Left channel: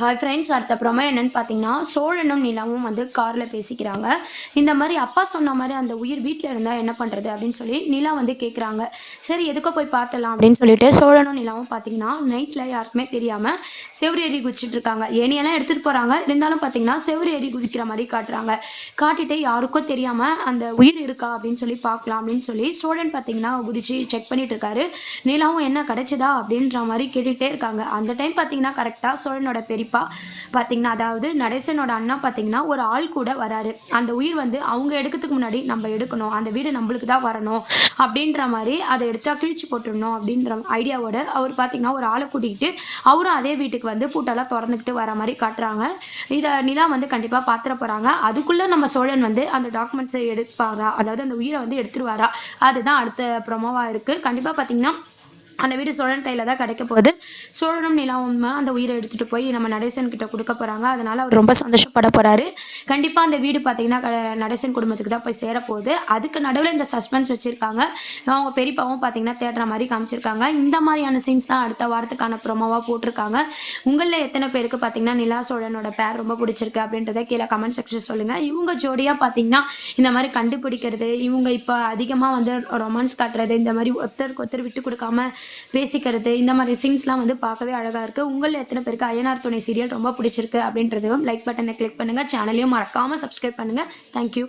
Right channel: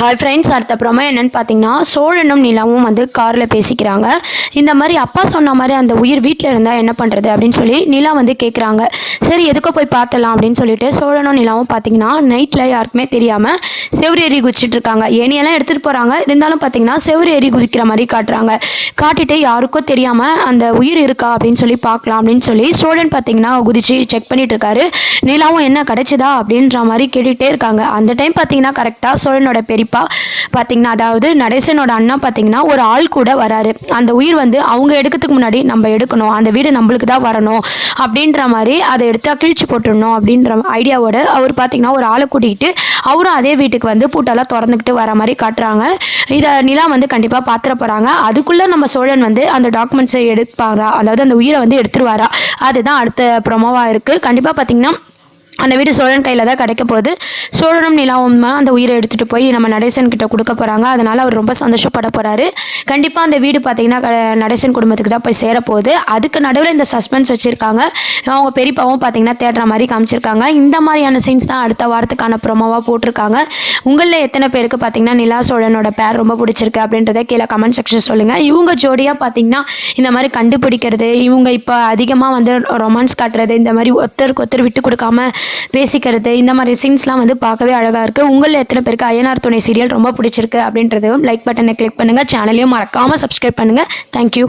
Hi friends அடுத்த promo என்னன்னு பார்த்தீங்கன்னா சோழனும் நிலாவும் வந்து காரில் பேசிக்கிறாங்க. இந்த மாதிரி அப்பா சொன்ன மாதிரி அந்த உயிர் வீட்டில் இருந்தால் என்ன பண்ணுறது அப்படின்னு சொல்லி நிலா வந்து கேட்குறாங்க சரி எதுக்கோ போய் பார்த்தலாம் அப்படின்னு சொல்லிட்டு சோழனும் நிலாவும் பார்த்தீங்கன்னா நைட்டில் யாருக்குமே தெரியாமல் செவ்வறு ஏறி குதிச்சிட்டு இருக்காங்க. எடுத்துகிட்டு போகிறாங்க இருந்தாலும் பார்த்தீங்கன்னா செவ்வறு ஏறி குதிக்கிற மாதிரி காட்டுறாங்க. காட்டிட்டு யாருக்கும் தெரியாமல் அந்த உயிர் இருக்கா அப்படின்னு சொல்லி பார்க்கலாம் அப்படின்னு சொல்லி சோழன் பார்த்தீங்கன்னா குதிச்சு செக் பண்ணிட்டு இருக்காரு. நிலாவும் என்ன கிடைச்சதா அப்படின்ற மாதிரி கேட்டுகிட்டே இருக்காங்க. அந்த டைம் பார்த்தீங்கன்னா கரெக்டாக சோழனோட பெரிய பெரியப்பா பார்த்தீங்கன்னா அதாவது நடேசனோட அண்ணா பார்த்தீங்கன்னா ஒரு ஆள் கூட வராரு. அந்த உயிர் வந்து அவங்க எடுக்கிறதுக்கு முன்னாடி நம்ம எடுக்கணும். அந்த வீடு நம்மளுக்கு தான் வரணும். அப்படின்ற மாதிரி அதை எடுத்தால் கிழிச்சு போட்டுடணும் அப்படின்ற ஐடியாவோட அவர் பார்த்தீங்கன்னா ஒரு ஆளை கூட்டிகிட்டு அவரும் அதே வீட்டுக்கு வந்து பூட்டெல்லாம் திறந்துக்கிட்டு வர மாதிரி காட்டுறாங்க. இதை நிலா வந்து கண்டிப்பாக பார்த்துட போகிறாங்க அதுக்குள்ளே நம்ம சோழன் வந்து அந்த டாக்குமெண்ட்ஸை எடுப்பாரா? அதாவது அந்த உயிரை வந்து எடுத்துருவாரா? அதுதான் அடுத்த ப்ரொமோவாக இருக்குது கண்டிப்பாக பார்த்தீங்கன்னா அந்த வீடு சோழன் கையில் தான் கிடைக்க போகுது. சோழனும் நிலாவும் தான் அந்த உயிரை எடுத்துகிட்டு போய் நம்ம நடேசன் கிட்ட கொடுக்க போகிறாங்க அதனால் அவர் ரொம்ப சந்தோஷப்பட போகிறாரு கண்டிப்பாக அந்த வீடு பார்த்தீங்கன்னா க- நடேசன் குடும்பத்துக்கு தான் போய் சேரப்போகுது அதுக்கு நடுவில் இந்த சஸ்பென்ஸ் வச்சுருக்காங்க. அவங்க பெரியப்பாவும் பார்த்தீங்கன்னா தேடுற மாதிரி காமிச்சிருக்காங்க. இந்த மாதிரியான சீன்ஸ் தான் அடுத்த வாரத்துக்கான ப்ரொமோவாக போட்டிருக்காங்க. உங்களில் எத்தனை பேருக்கு பார்த்தீங்கன்னா நிலா சோழனோட பேர் ரொம்ப பிடிச்சிருக்கு அப்படின்றத கீழே கமெண்ட் செக்ஷன் சொல்லுங்கள் இவங்க ஜோடியாக பார்த்தீங்கன்னா இந்த மாதிரி கண்டுபிடிக்கிறது இவங்க இப்போ அதிகமாக வந்து ரொமான்ஸ் காட்டுறது இந்த மாதிரி ஒருத்தருக்கு ஒருத்தர் விட்டு கொடுக்காம பேசிக்கிறது இந்த மாதிரி சீன்ஸ்லாம் வந்து பார்க்கவே அழகாக இருக்குது உங்களில் எத்தனை பேருக்கு ஐயனார் துணை சீரியல் ரொம்ப பிடிச்சிருக்கு அப்படின்றதையும் லைக் பட்டனை கிளிக் பண்ணுங்கள் சேனலையும் மறக்காமல் சப்ஸ்கிரைப் பண்ணுங்கள் தேங்க்யூ